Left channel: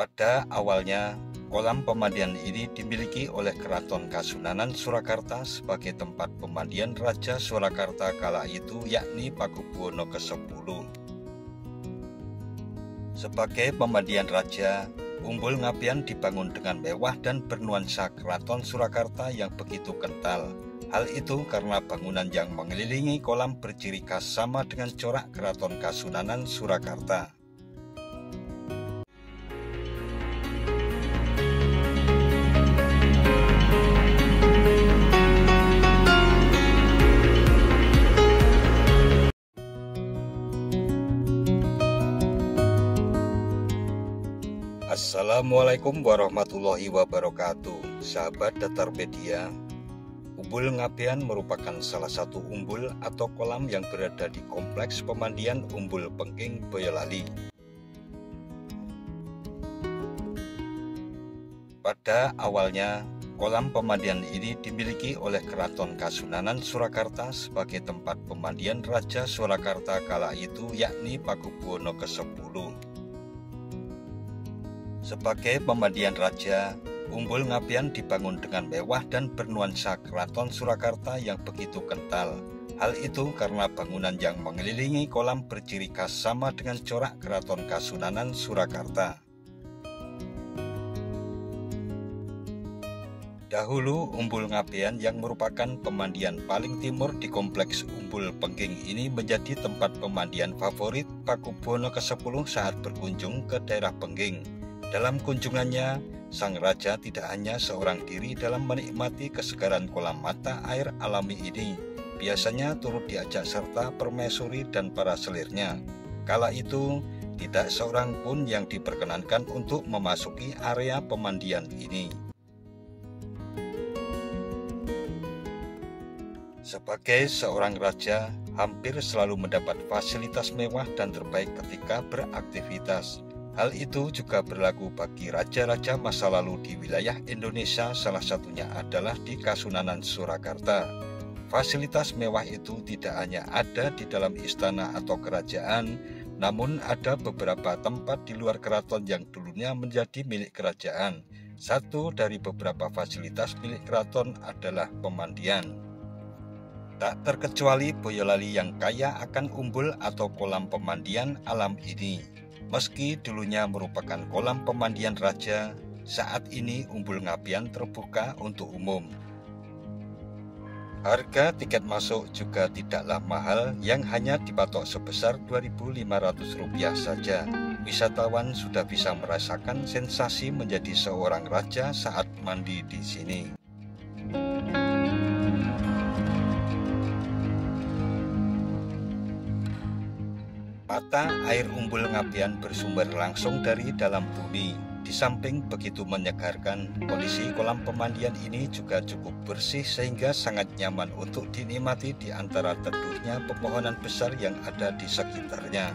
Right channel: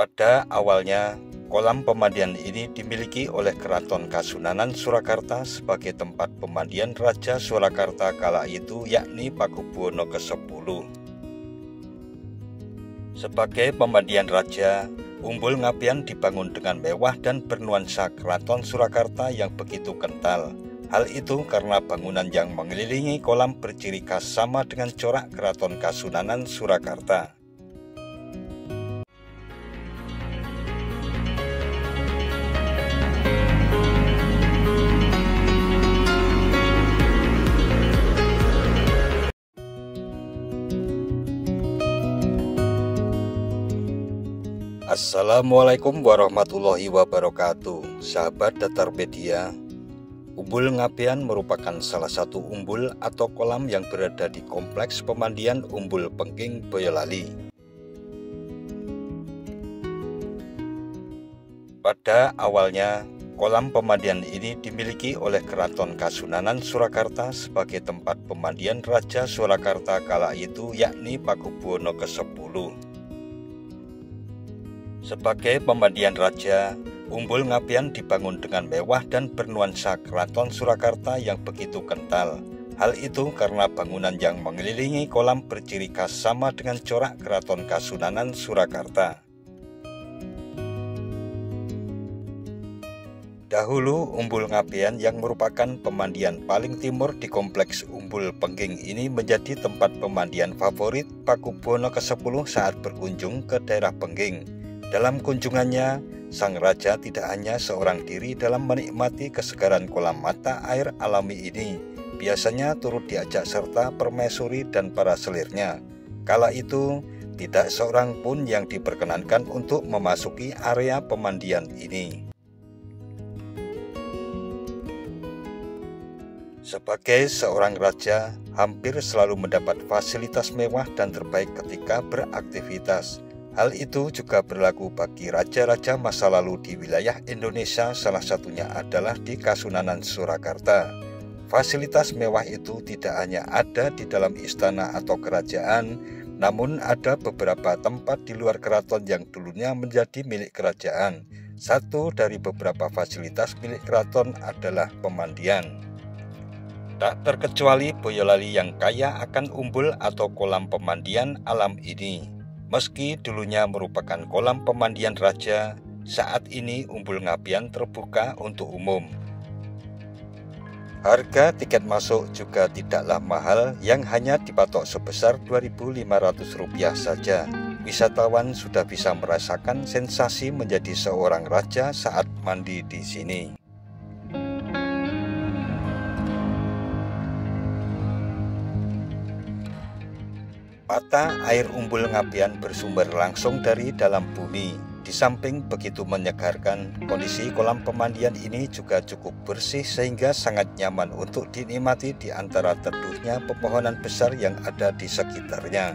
Pada awalnya, kolam pemandian ini dimiliki oleh Keraton Kasunanan Surakarta sebagai tempat pemandian Raja Surakarta kala itu, yakni Pakubuwono ke-10. Sebagai pemandian raja, Umbul Ngabean dibangun dengan mewah dan bernuansa Keraton Surakarta yang begitu kental. Hal itu karena bangunan yang mengelilingi kolam berciri khas sama dengan corak Keraton Kasunanan Surakarta. Assalamualaikum warahmatullahi wabarakatuh. Sahabat Datar Media, Umbul Ngabean merupakan salah satu umbul atau kolam yang berada di kompleks pemandian Umbul Pengking Boyolali. Pada awalnya, kolam pemandian ini dimiliki oleh Keraton Kasunanan Surakarta sebagai tempat pemandian Raja Surakarta kala itu, yakni Pakubuwono ke-10. Sebagai pemandian raja, Umbul Ngabean dibangun dengan mewah dan bernuansa Keraton Surakarta yang begitu kental. Hal itu karena bangunan yang mengelilingi kolam berciri khas sama dengan corak Keraton Kasunanan Surakarta. Dahulu, Umbul Ngabean yang merupakan pemandian paling timur di kompleks Umbul Pengking ini menjadi tempat pemandian favorit Pakubuwono ke-10 saat berkunjung ke daerah Pengking. Dalam kunjungannya, sang raja tidak hanya seorang diri dalam menikmati kesegaran kolam mata air alami ini. Biasanya turut diajak serta permaisuri dan para selirnya. Kala itu, tidak seorang pun yang diperkenankan untuk memasuki area pemandian ini. Sebagai seorang raja, hampir selalu mendapat fasilitas mewah dan terbaik ketika beraktivitas. Hal itu juga berlaku bagi raja-raja masa lalu di wilayah Indonesia, salah satunya adalah di Kasunanan Surakarta. Fasilitas mewah itu tidak hanya ada di dalam istana atau kerajaan, namun ada beberapa tempat di luar keraton yang dulunya menjadi milik kerajaan. Satu dari beberapa fasilitas milik keraton adalah pemandian. Tak terkecuali Boyolali yang kaya akan umbul atau kolam pemandian alam ini. Meski dulunya merupakan kolam pemandian raja, saat ini Umbul Ngabean terbuka untuk umum. Harga tiket masuk juga tidaklah mahal, yang hanya dipatok sebesar Rp2.500 saja. Wisatawan sudah bisa merasakan sensasi menjadi seorang raja saat mandi di sini. Mata air Umbul Ngabean bersumber langsung dari dalam bumi. Di samping begitu menyegarkan, kondisi kolam pemandian ini juga cukup bersih sehingga sangat nyaman untuk dinikmati di antara teduhnya pepohonan besar yang ada di sekitarnya.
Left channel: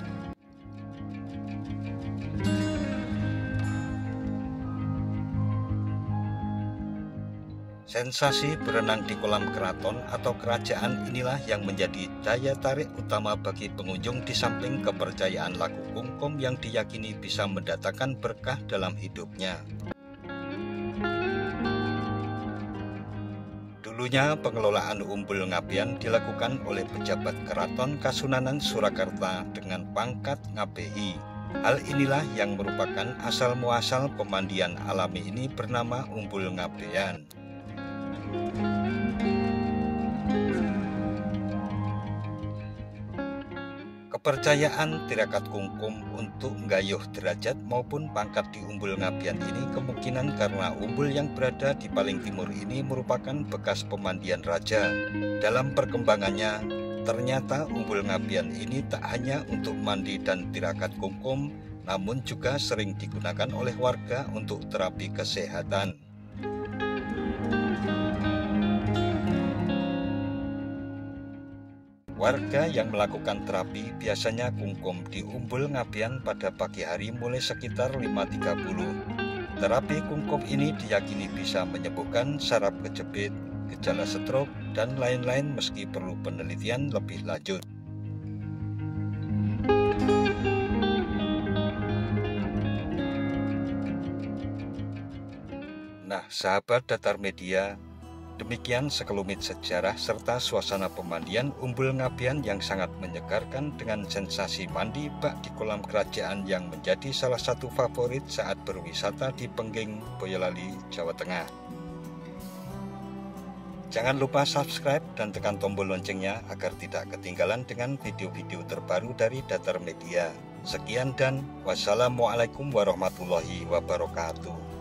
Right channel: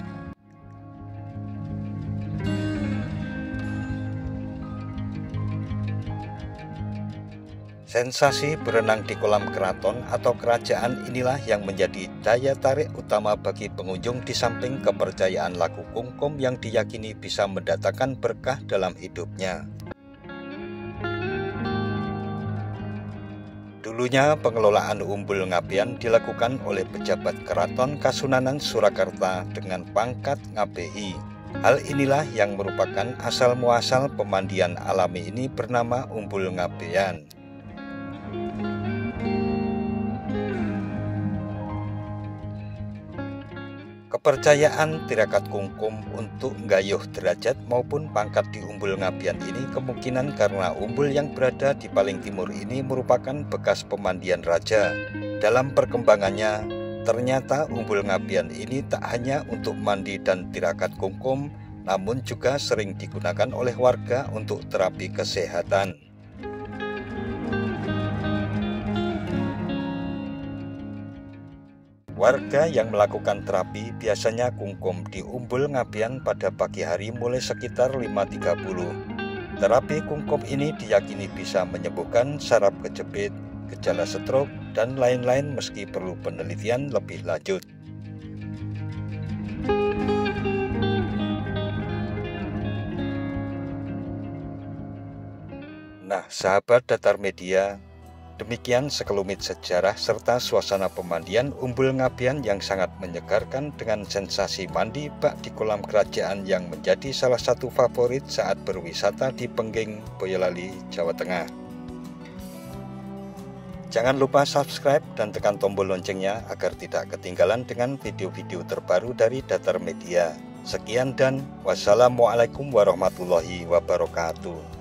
Sensasi berenang di kolam keraton atau kerajaan inilah yang menjadi daya tarik utama bagi pengunjung, di samping kepercayaan laku kungkum yang diyakini bisa mendatangkan berkah dalam hidupnya. Dulunya pengelolaan Umbul Ngabean dilakukan oleh pejabat Keraton Kasunanan Surakarta dengan pangkat Ngabehi. Hal inilah yang merupakan asal muasal pemandian alami ini bernama Umbul Ngabean. Kepercayaan tirakat kungkum untuk nggayuh derajat maupun pangkat di Umbul Ngabean ini kemungkinan karena umbul yang berada di paling timur ini merupakan bekas pemandian raja. Dalam perkembangannya, ternyata Umbul Ngabean ini tak hanya untuk mandi dan tirakat kungkum, namun juga sering digunakan oleh warga untuk terapi kesehatan. Warga yang melakukan terapi biasanya kungkum di Umbul Ngabean pada pagi hari mulai sekitar 5.30. Terapi kungkum ini diyakini bisa menyembuhkan saraf kejepit, gejala stroke, dan lain-lain meski perlu penelitian lebih lanjut. Nah, sahabat Datar Media, demikian sekelumit sejarah serta suasana pemandian Umbul Ngabean yang sangat menyegarkan dengan sensasi mandi bak di kolam kerajaan yang menjadi salah satu favorit saat berwisata di Pengging, Boyolali, Jawa Tengah. Jangan lupa subscribe dan tekan tombol loncengnya agar tidak ketinggalan dengan video-video terbaru dari Datar Media. Sekian dan wassalamualaikum warahmatullahi wabarakatuh.